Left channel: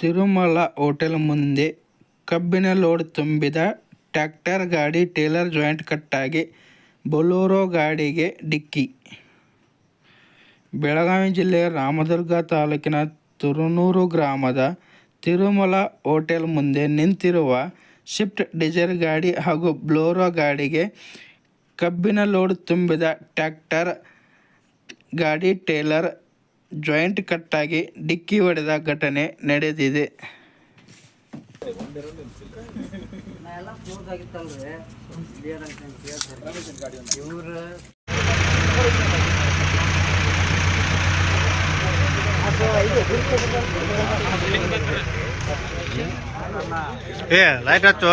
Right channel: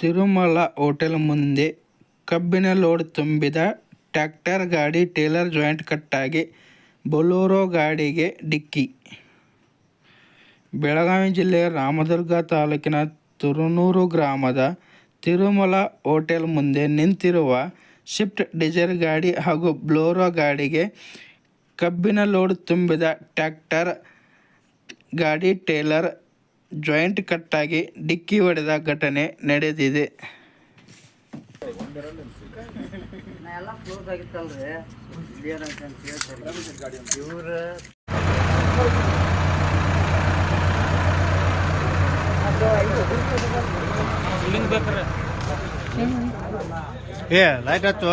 Tirumala hotel ಮುಂದೆ ಕಬ್ಬಿನ load ತುಂಬಿದ ಟ್ರ್ಯಾಕ್ಟರ್ ಗಾಡಿ ಟ್ರೇಲರ್ ಜಾಯಿಂಟ್ ಕಟ್ಟಾಗಿ ಬೊಲೊರೋ ಗಾಡಿಗೆ ಡಿಕ್ಕಿ. ಬೆಳಗಾವಿ ಜಿಲ್ಲೆಯ ರಾಮದುರ್ಗ ತಾಲೂಕಿನ ತುರನೂರು ಗ್ರಾಮದ ತಿರುಮಲ ಹೋಟೆಲ್ ಮುಂದೆ ನಿಂತಿರುವ ಸ್ವಿಫ್ಟ್ ಡಿಸೈರ್ ಗಾಡಿ ಹಾಗೂ ಬೊಲೊರೋ ಗಾಡಿಗೆ ಕಬ್ಬಿನ ಲೋಡ್ ತುಂಬಿದ ಟ್ರ್ಯಾಕ್ಟರ್ ಗಾಡಿ ಟ್ರೇಲರ್ ಜಾಯಿಂಟ್ ಕಟ್ಟಾಗಿ ಡಿಕ್ಕಿ ಹೊಡೆದ ಘಟನೆ ನಡೆದಿದೆ. ಲೈಟ್ ಹಚ್ಚು.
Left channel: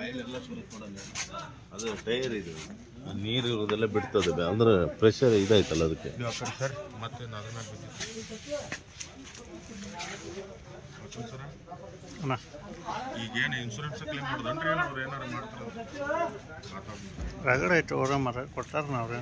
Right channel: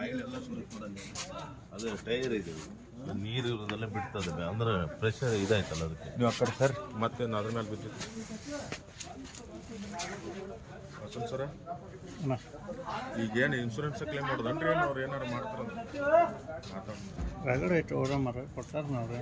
ಆಯಿಲ್ ಎಲ್ಲ ಸುರಿತೋಡಲ್ಲ, ಅದು ಟೈರ್ ಇದು ನೀರು ಇರೋದೆಲ್ಲ ಬಿಡ್ತದೆ ಅಂದ್ರೆ ಪ್ರೆಷರ್ ಇದಾಯ್ತಲ್ಲ ಅದಕ್ಕೆ. ನೀವು ಆ ಕಡೆ ಸರ್ ಮತ್ತೆ ಅದ್ರ ಮೇಲೆ ಬಿದ್ದು ಸರ ಈಗೇನು ಇನ್ಶೂರೆನ್ಸ್ ಕ್ಲೇಮ್ ಮಾಡೋದನ್ರಿ ಏನು ಅವ್ರು ಏನಾರು ಮಾಡ್ತಾರಂತ ರಗಡ ಐತೆ ಅವ್ರ ಮರ ಕೊಡ್ತಾರ ನಾವ್ರೆ.